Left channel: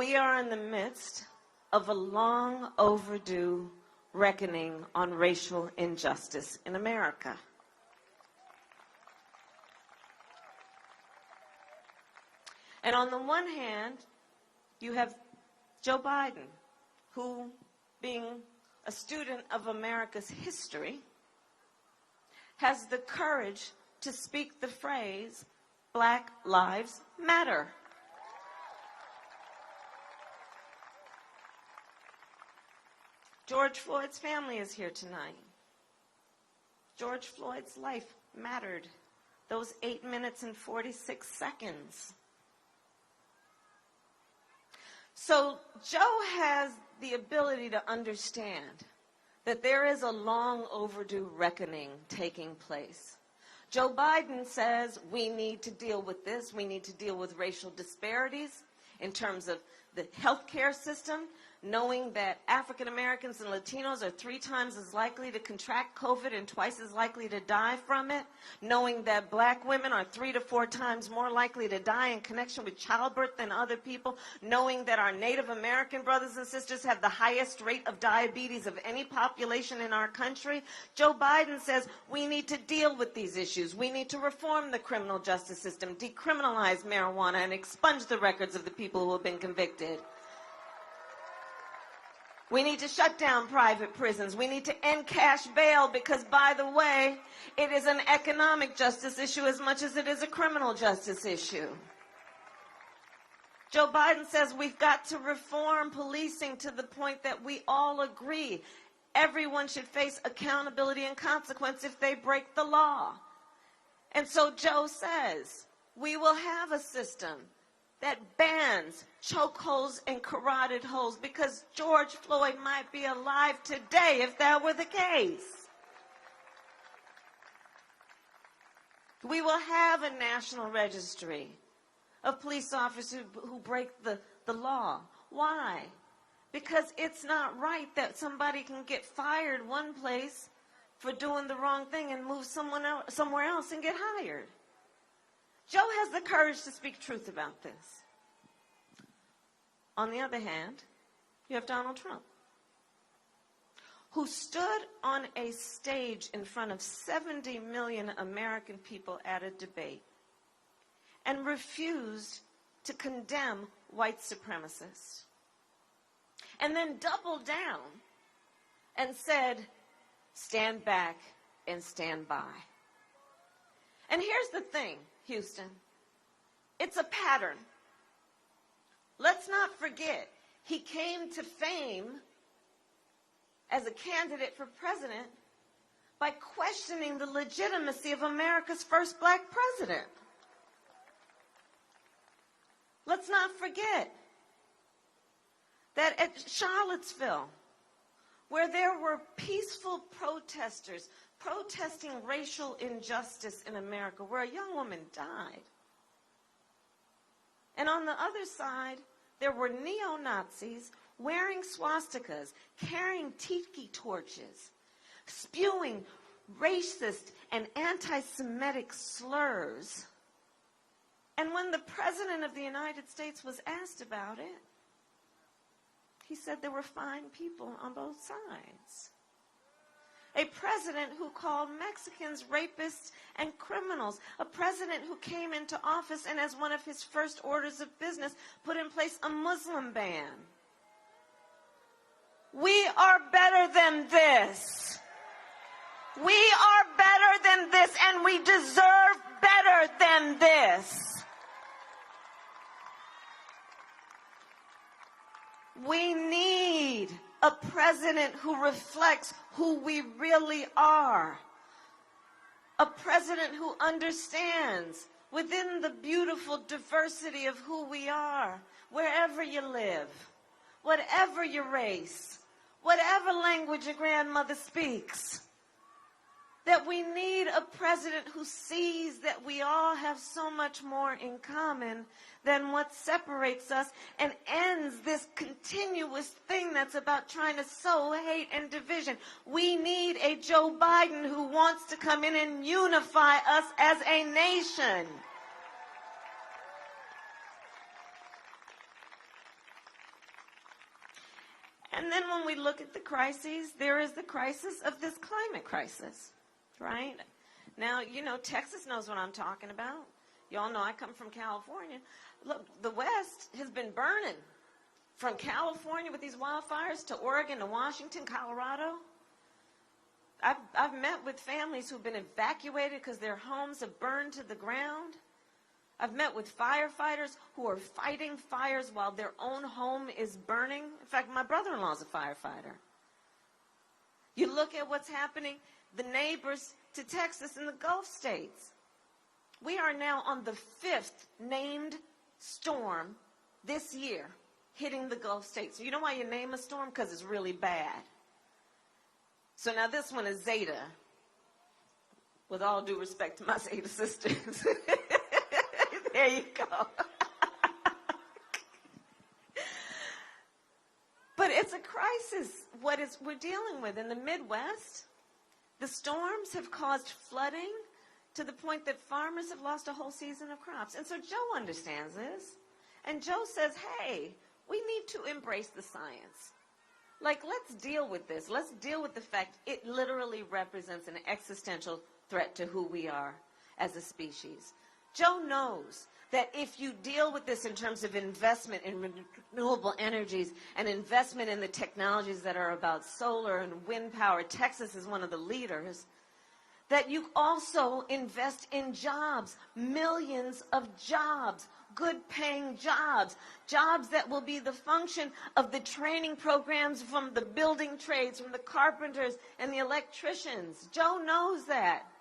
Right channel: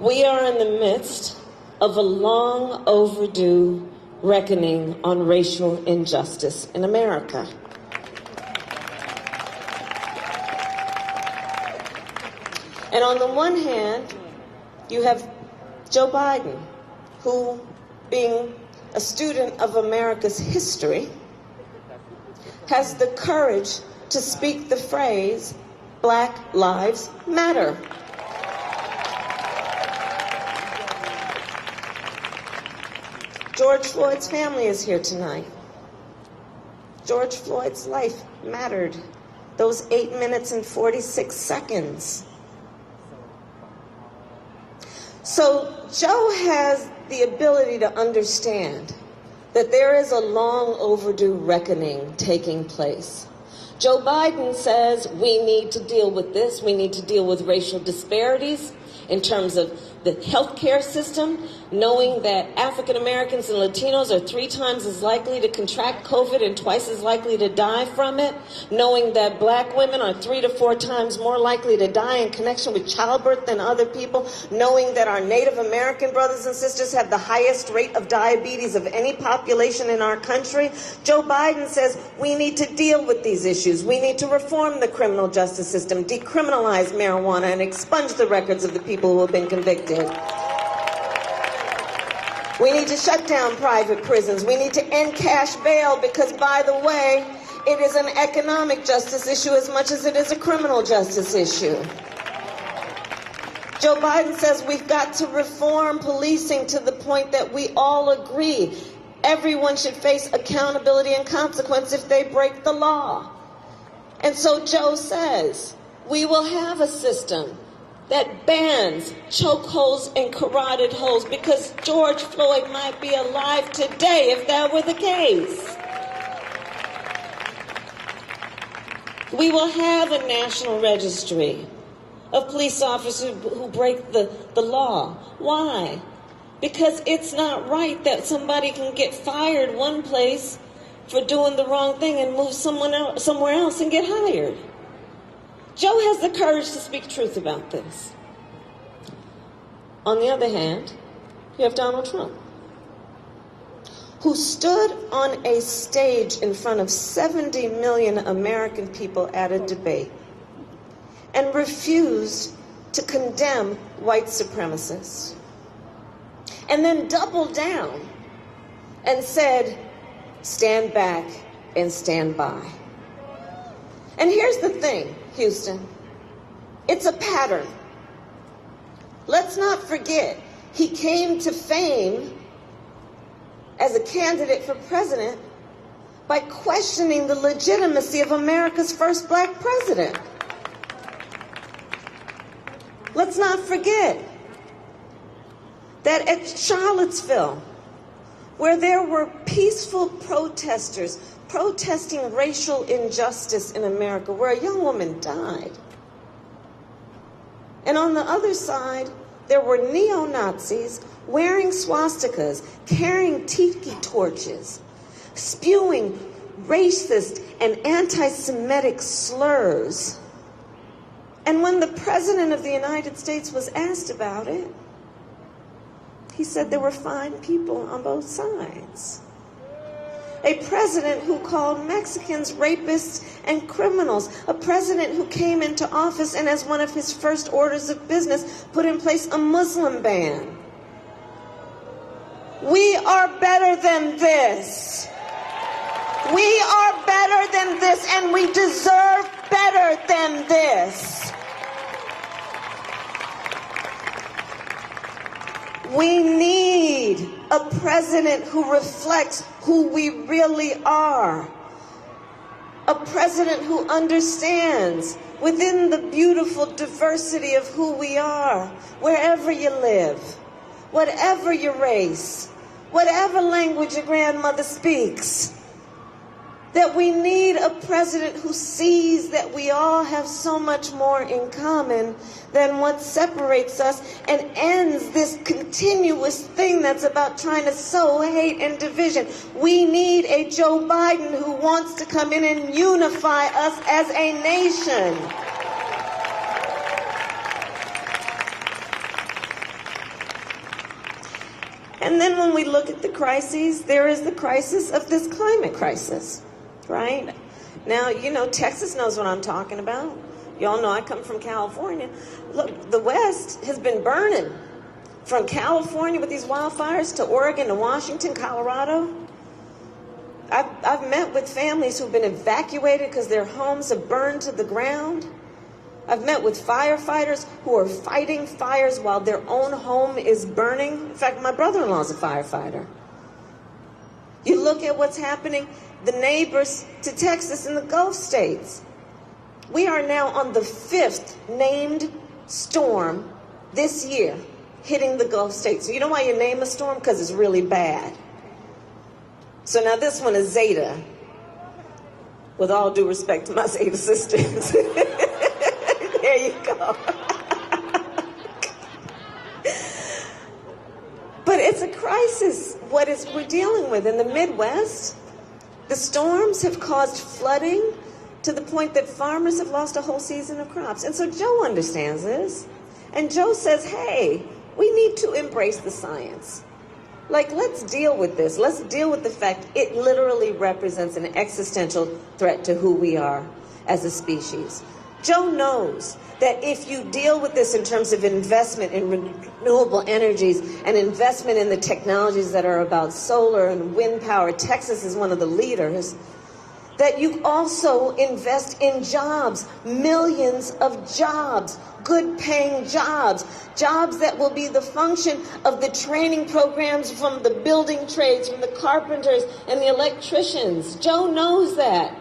We are in the midst of a long overdue reckoning on racial injustice in America. And on the one hand, you have Joe Biden, who, being a student of America's history, has the courage to speak the phrase, "Black Lives Matter." George Floyd's family is here tonight. George Floyd's life mattered. Those 8 minutes and 46 seconds. So Joe has the ability to understand that there is a long overdue reckoning taking place. Joe Biden says we need to deal with this. We need to deal with racial disparities in terms of the healthcare system, knowing that African Americans and Latinos are 3 times as likely to contract COVID and twice as likely to die from it, knowing that black women are 3 to 4 times more likely to die in connection with childbirth than other people, knowing that our Native American brothers and sisters have the highest rate of diabetes of any population in our country. Joe Biden says we need to deal with these issues. We need to reform the criminal justice system, decriminalize marijuana, and expunge the records of the people who have been convicted. We need to shut down private prisons. We need to end cash bail because, by the way, it is an economic justice issue as much as it is a criminal justice issue. Joe Biden says we've got to reform policing to the point that we all agree everyone should face accountability and consequence if they break the law. And so Joe says we will have a system that bans chokeholds and carotid holds because George Floyd might be alive today if that were the case. We will have a national registry of police officers who break the law. Why? Because it's not right that somebody can get fired one place for doing the wrong thing and move somewhere else and get hired. Joe has the courage to speak truth about this. On the other hand, you have Donald Trump, who stood on a stage in front of 70 million American people at a debate and refused to condemn white supremacists, and then doubled down and said, "Stand back and stand by." And here's the thing, Houston, it's a pattern. Let's not forget, he came to fame as a candidate for president by questioning the legitimacy of America's first black president. Let's not forget that at Charlottesville, where there were peaceful protesters protesting racial injustice in America, where a young woman died. And on the other side, there were neo-Nazis wearing swastikas, carrying tiki torches, spewing racist and anti-Semitic slurs. And when the President of the United States was asked about it, he said there were fine people on both sides. A president who called Mexicans rapists and criminals. A president who came into office and as one of his first orders of business put in place a Muslim ban. We are better than this. We are better than this, and we deserve better than this. We need a president who reflects who we really are. A president who understands within the beautiful diversity of who we are, wherever you live, whatever your race, whatever language your grandmother speaks, that we need a president who sees that we all have so much more in common than what separates us and ends this continuous thing that's about trying to sow hate and division. We need a Joe Biden who wants to come in and unify us as a nation. And then when we look at the crises, there is the crisis of this climate crisis, right? Now, you know, Texas knows what I'm talking about. Y'all know I come from California. Look, the West has been burning from California with these wildfires to Oregon to Washington, Colorado. I've met with families who've been evacuated because their homes have burned to the ground. I've met with firefighters who are fighting fires while their own home is burning. In fact, my brother-in-law is a firefighter. You look at what's happening, the neighbors to Texas and the Gulf states. We are now on the 5th named storm this year hitting the Gulf states. You know why you name a storm? Because it's really bad. So now this one is Zeta. With all due respect to my Zeta sisters. There you go. But it's a crisis, what we're dealing with in the Midwest. The storms have caused flooding to the point that farmers have lost a whole season of crops. And so Joe understands this. And Joe says, hey, we need to embrace the science. Like, let's deal with this. Let's deal with the fact it literally represents an existential threat to who we are as a species. Joe knows that if you deal with this in terms of investment in renewable energies and investment in the technologies that are about solar and wind power, Texas is one of the leaders, that you also invest in jobs, millions of jobs, good-paying jobs, jobs that will be the function of the training programs from the building trades, from the carpenters and the electricians. Joe knows that.